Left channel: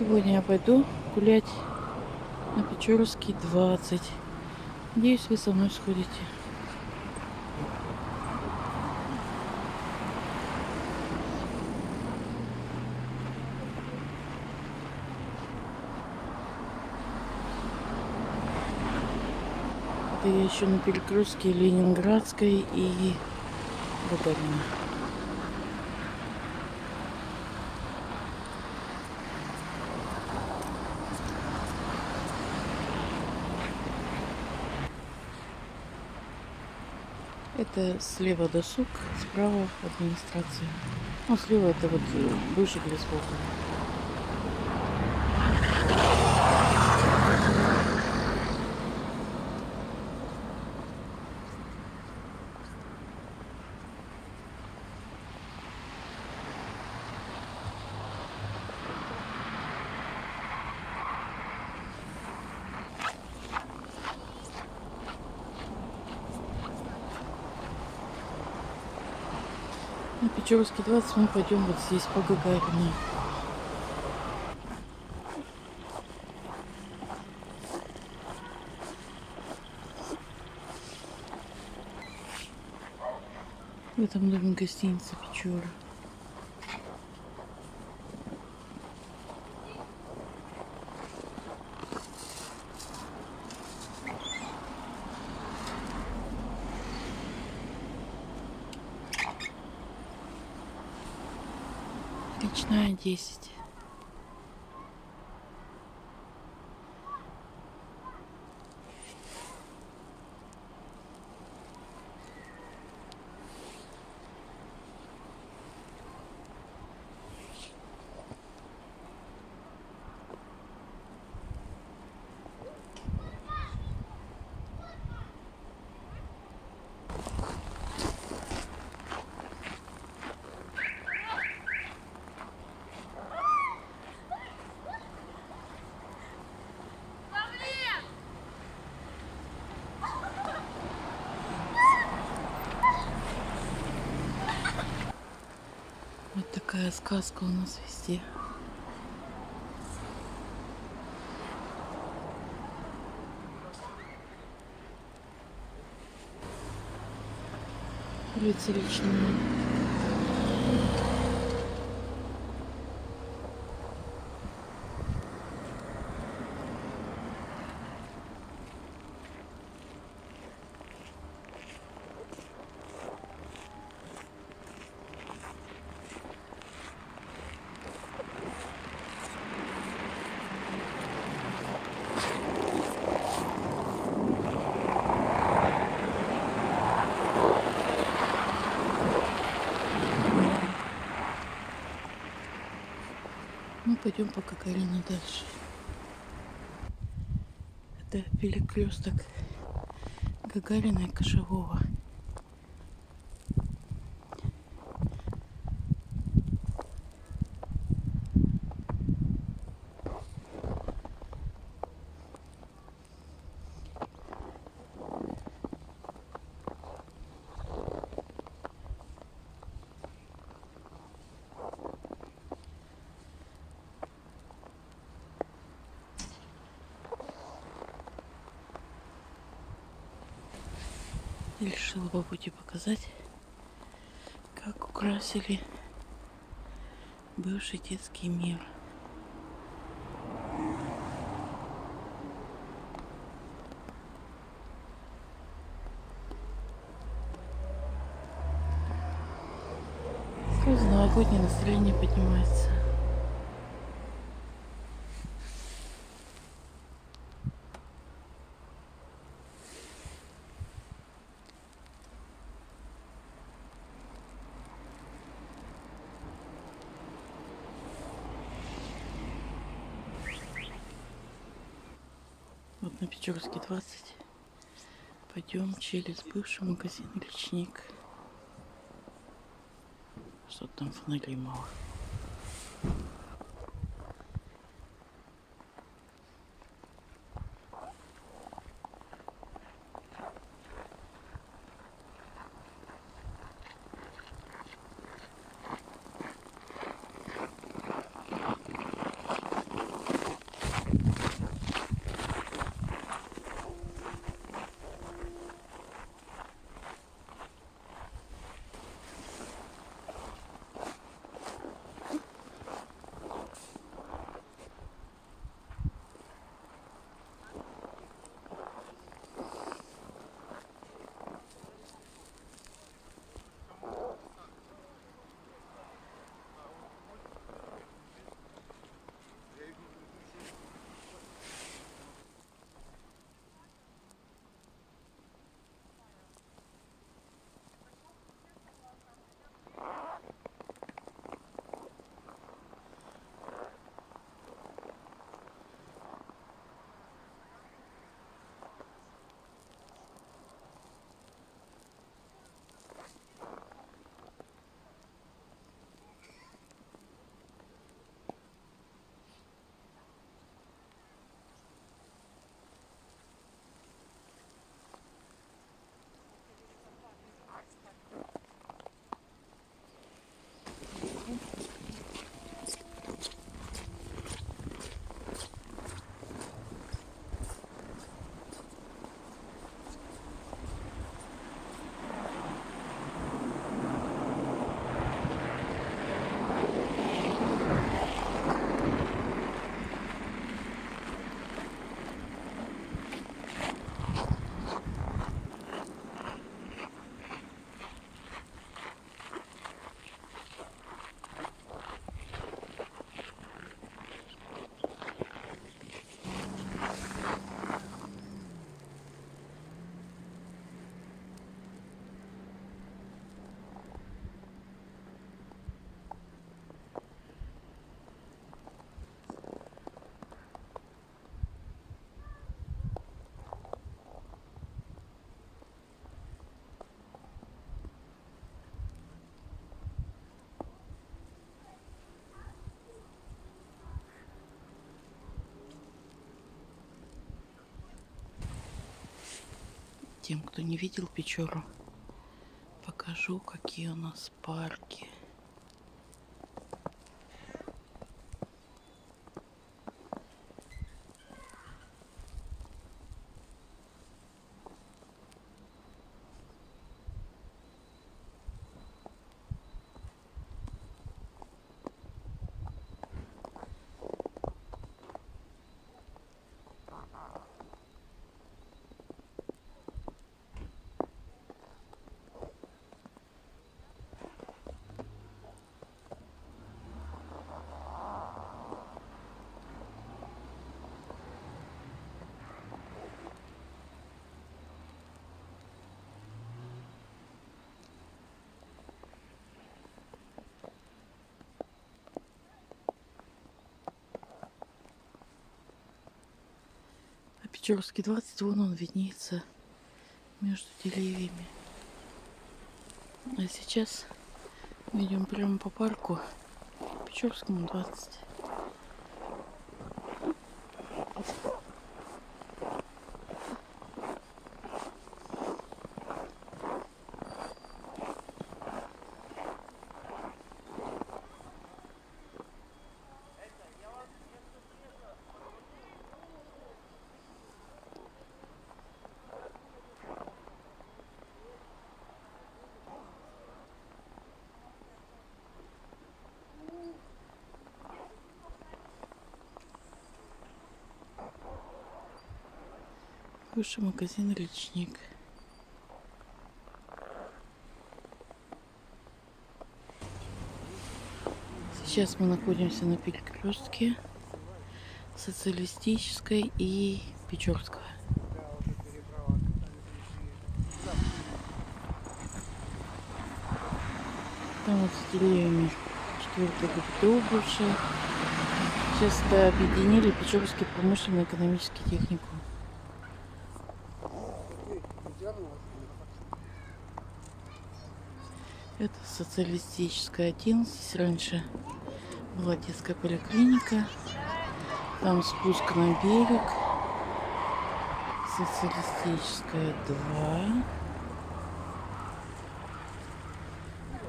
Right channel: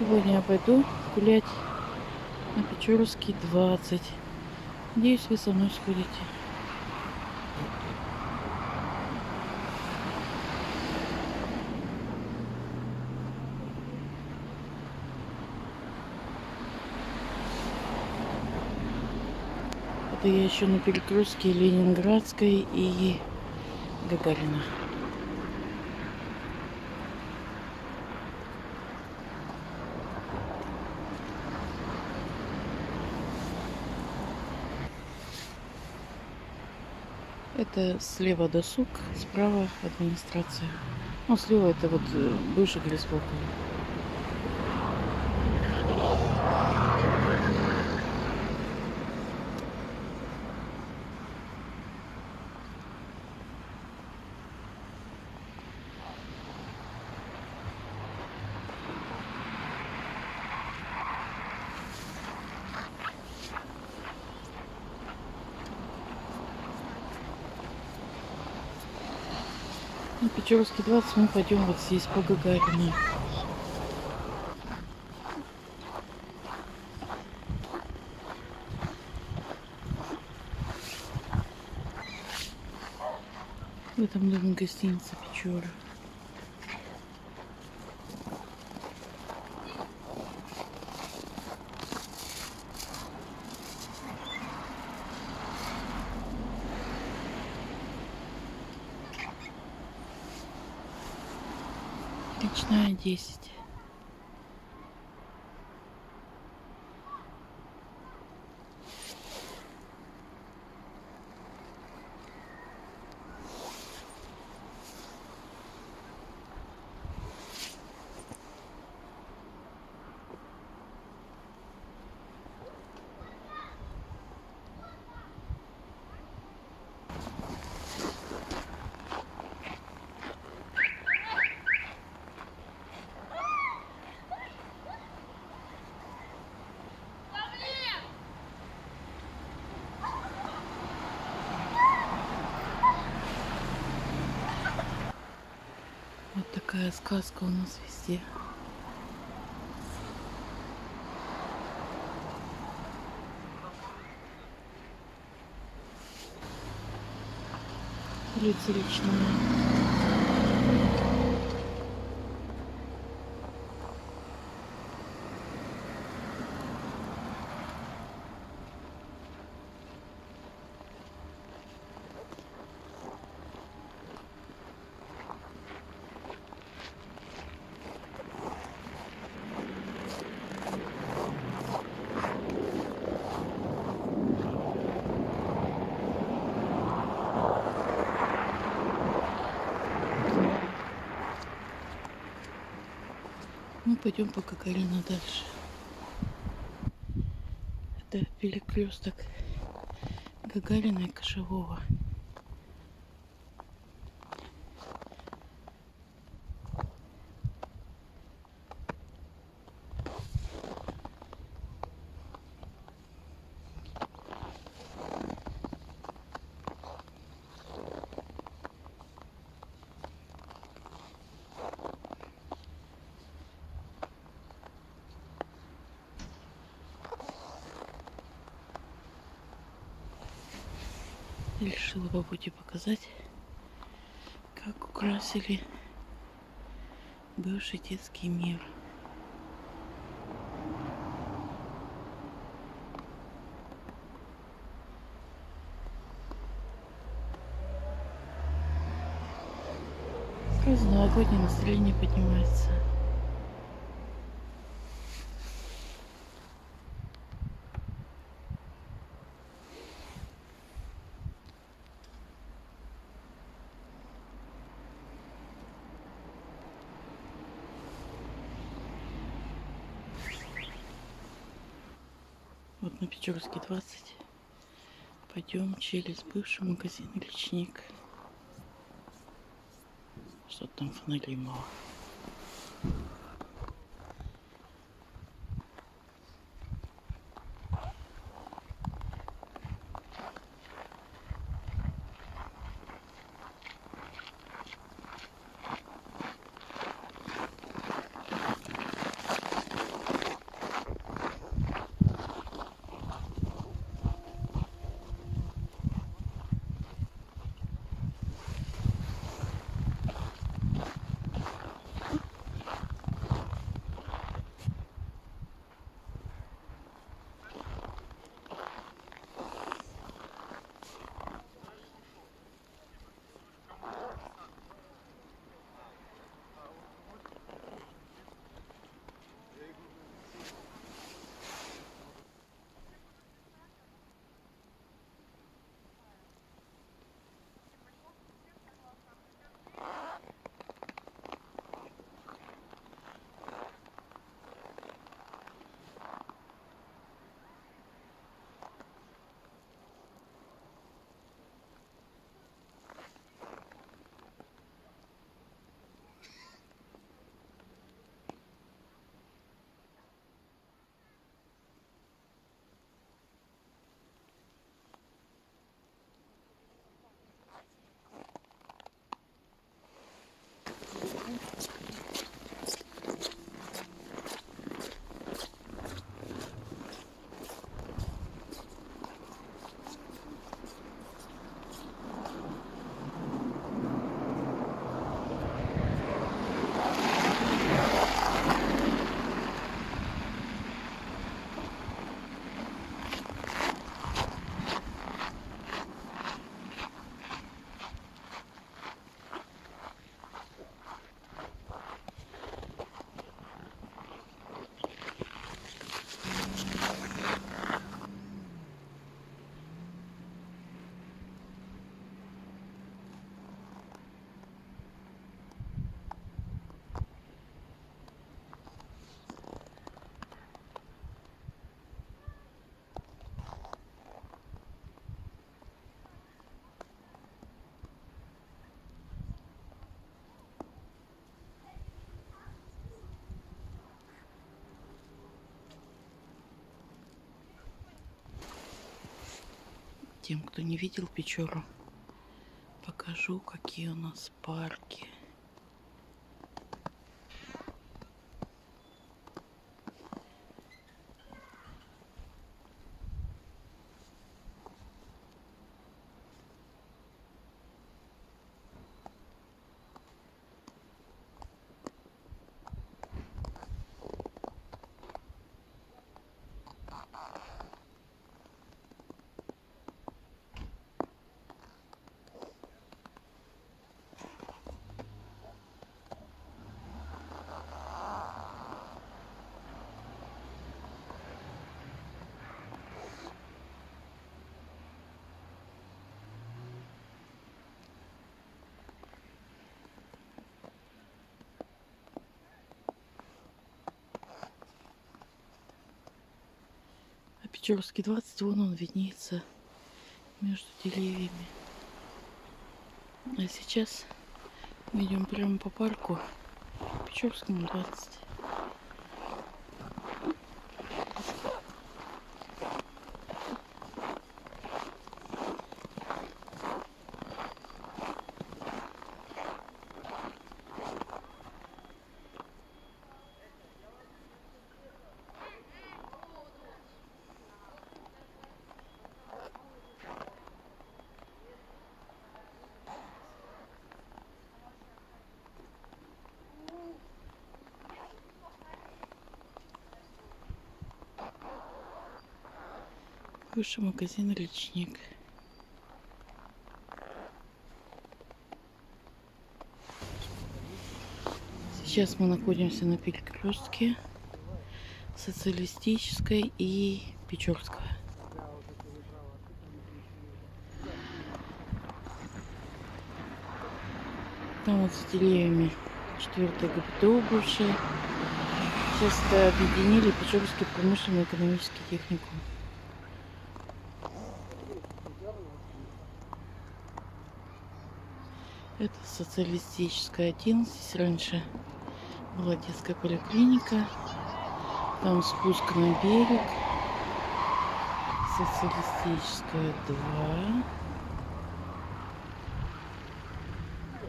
Сегодня я пойду гулять на Печорский 20. Надеюсь, вы со мной сходите. Это я еще на перекрестке Ленинградской и Гагарина. Это слева досуг, справа администрация. Ну, слева это вот бывший лесбоку. На Печорский 20 мы пойдем вот здесь по Гагарину. В этом доме гостиница Печора. Речная 10. Вот такая сказка у нас везде. Улица Речная. Мы пойдем по Гагарину дальше. Это перекресток Гагарина и Кошевого. Решила по пути показать, как украсили бывший детский мир. Сразу новогоднее настроение поднимается. Вот на Печорский 20 пойдем через бывший магазин Личник. Что-то там фонарей мало. Тем, кто не видел Печору, покажу, какие у нас парки. А Печорский 20, вон он виднеется между деревьями. А сейчас мы идем прямо по парку Печорскому 20. Бывший магазин «Речник». Сейчас мы находимся на перекрестке Социалистической и Печорского. Там вот за деревьями 4-я ГПТУ бывшая. Сейчас это объединили Печорский промышленно-экономический техникум. Это Социалистическая 1. Здесь раньше была детская поликлиника. Там спуск на берег. Социалистическая 2.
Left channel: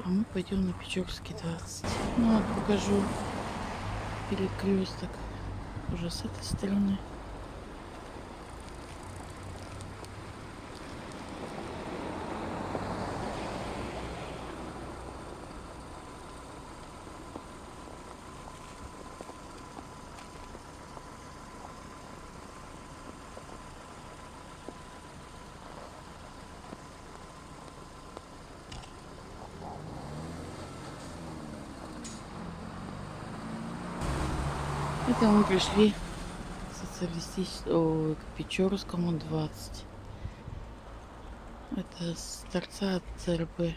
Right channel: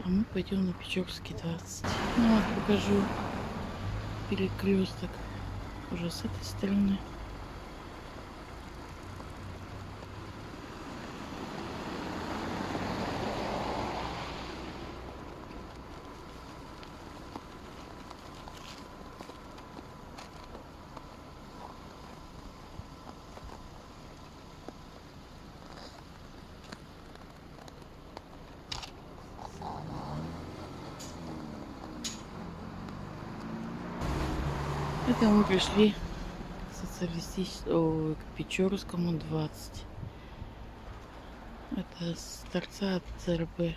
А мы пойдем на Печорский 20. Ну вот покажу перекресток уже с этой стороны. Это мы пришли к Печорскому 20. Это с торца от ЦРБ.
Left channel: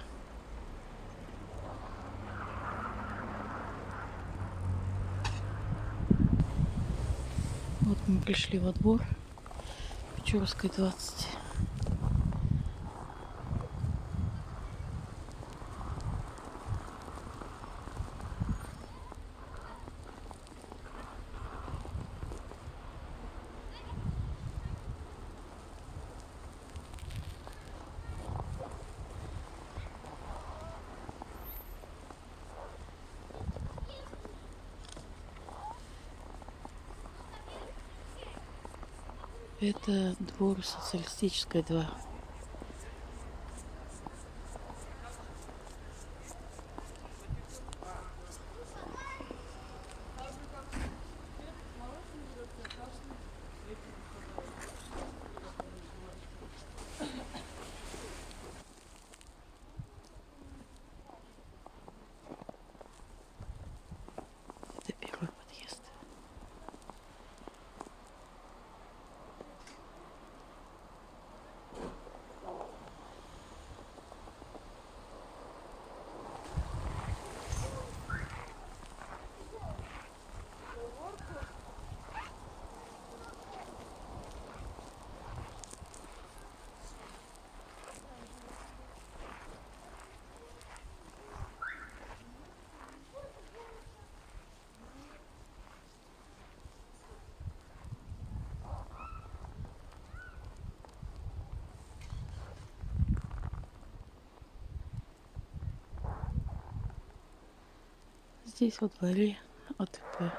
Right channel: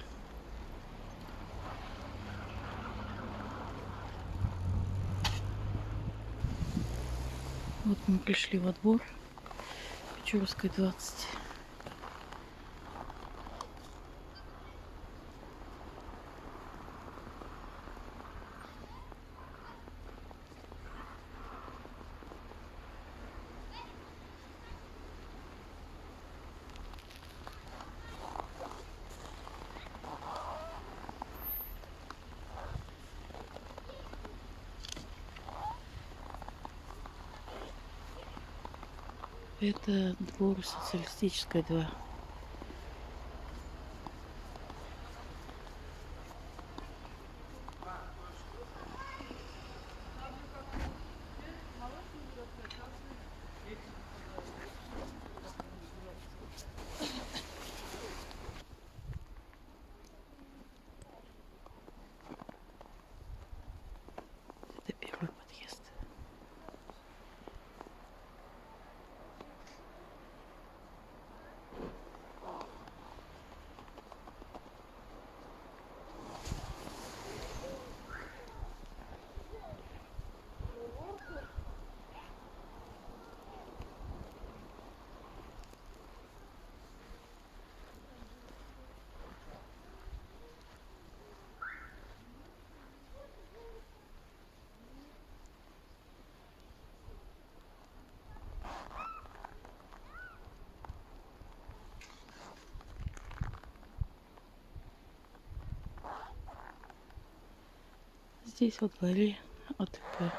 Вот мы пришли во двор Печорской 20. Это двор Социалистической 2. Это первый подъезд. Здесь во дворе АТП.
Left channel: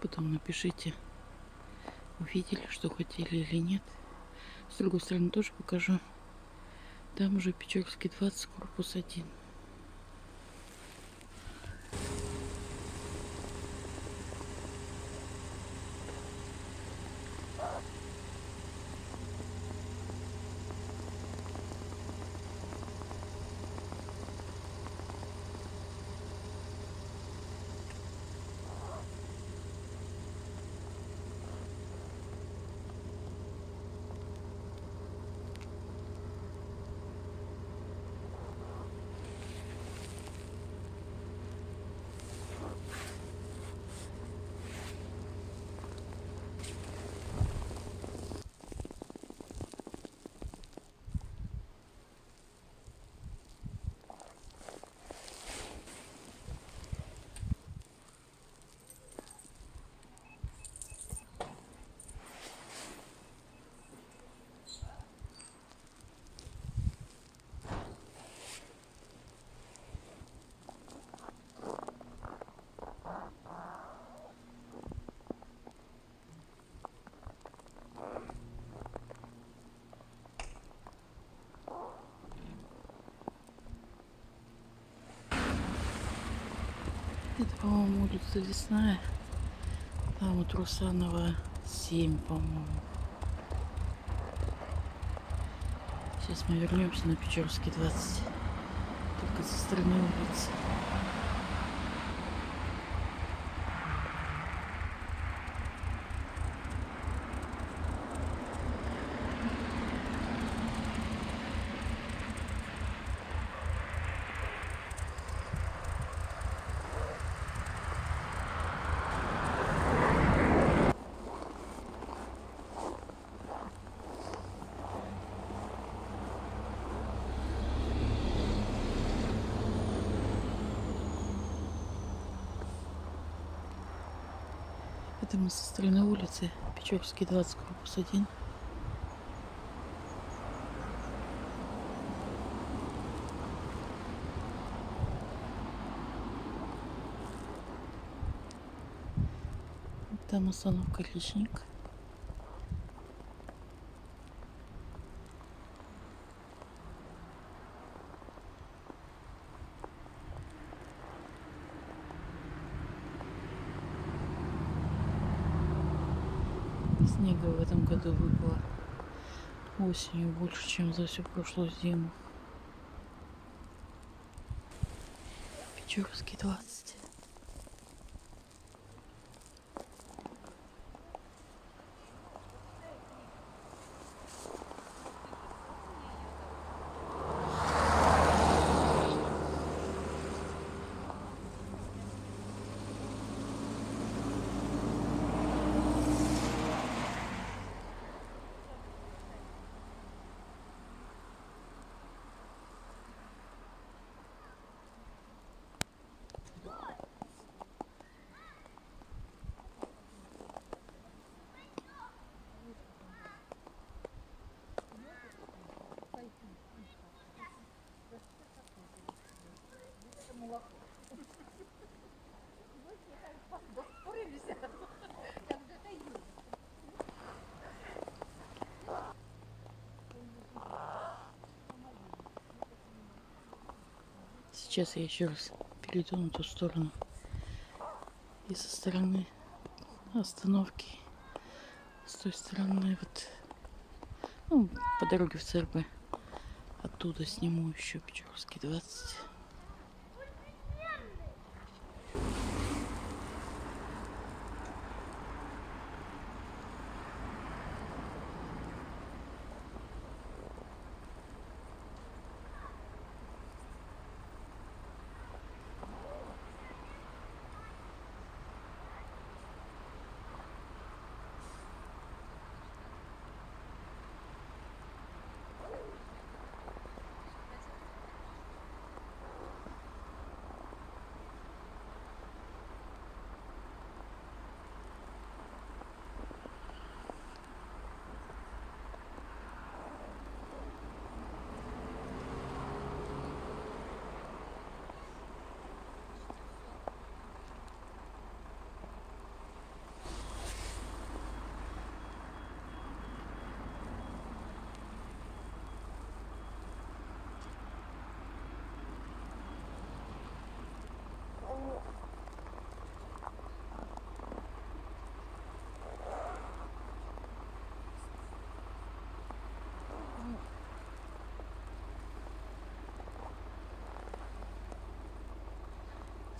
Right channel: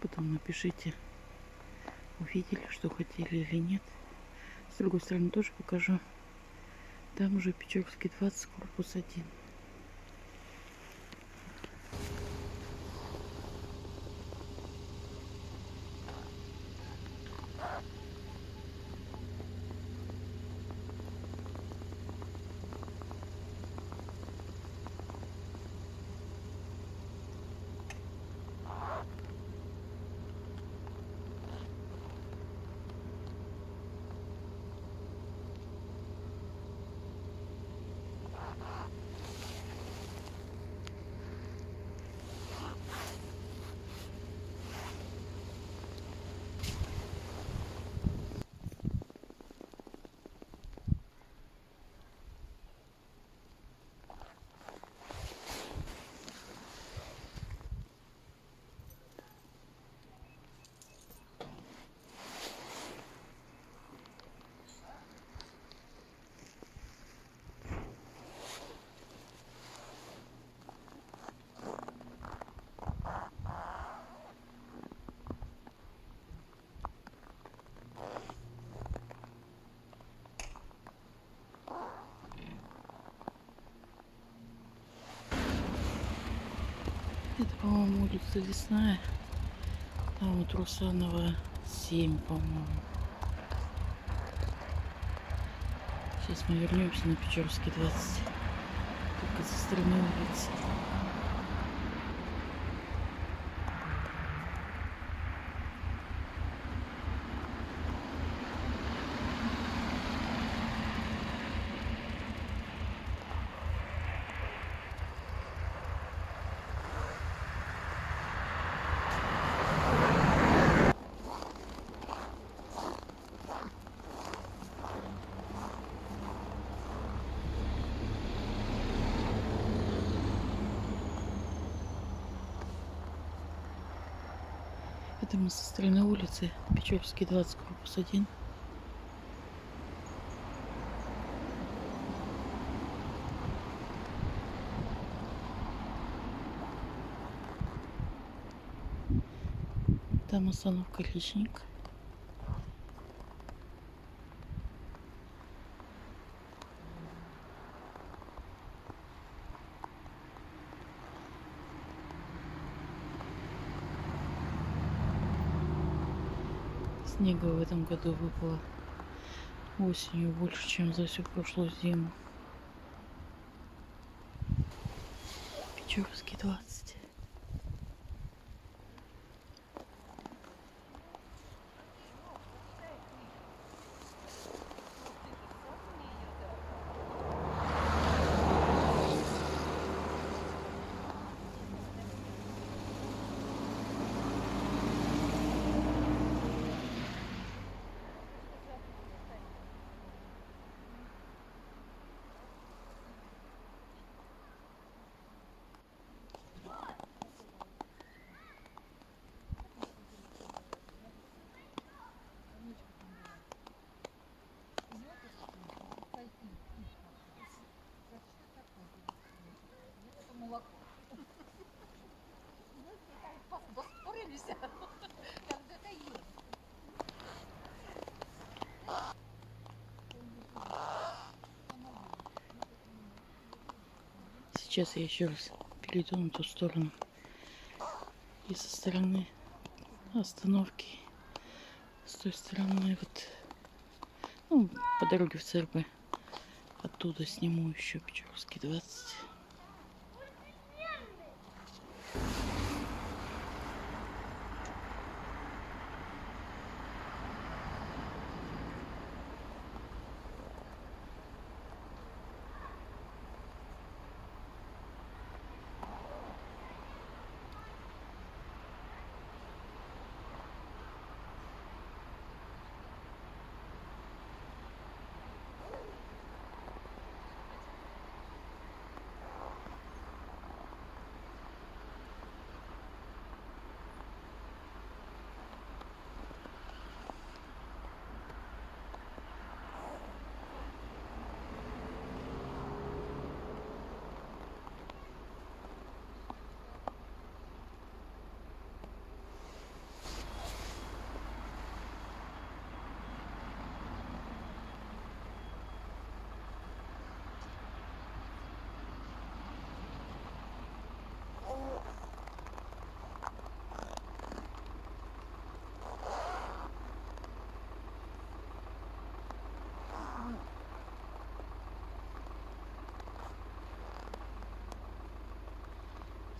Потом напишите, увидели, что хотели или нет. С другой стороны тоже покажу. Там уже Печорский 20, корпус 1. Это, по-моему, улица Лесная. Там вот Русанова 7, по-моему. Сейчас мы вернемся на Печорский 20. Только со стороны улицы. Это мы со стороны улицы Печорский 20, корпус 1. Там остановка Личник. Снега в этом году выпало осенью больше, чем за всю прошлую зиму. Печорский 20. Сейчас я еще раз перейду на ту сторону. И со стороны остановки, с той стороны вот, ну, по дороге в ЦРБ. Оттуда сниму еще Печорский 20.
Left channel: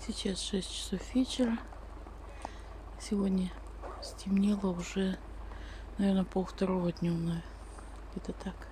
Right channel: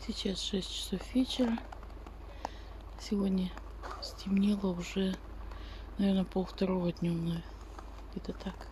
Сейчас 6 часов вечера. Сегодня стемнело уже, наверное, 1:30 днем, где-то так.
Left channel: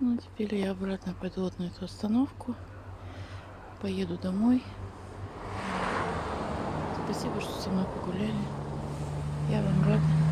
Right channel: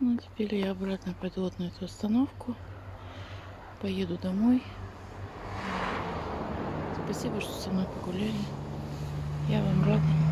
Ну, теперь я обратно пойду вот на эту остановку. Поеду домой. Спасибо, что со мной погуляли. Я вам рада.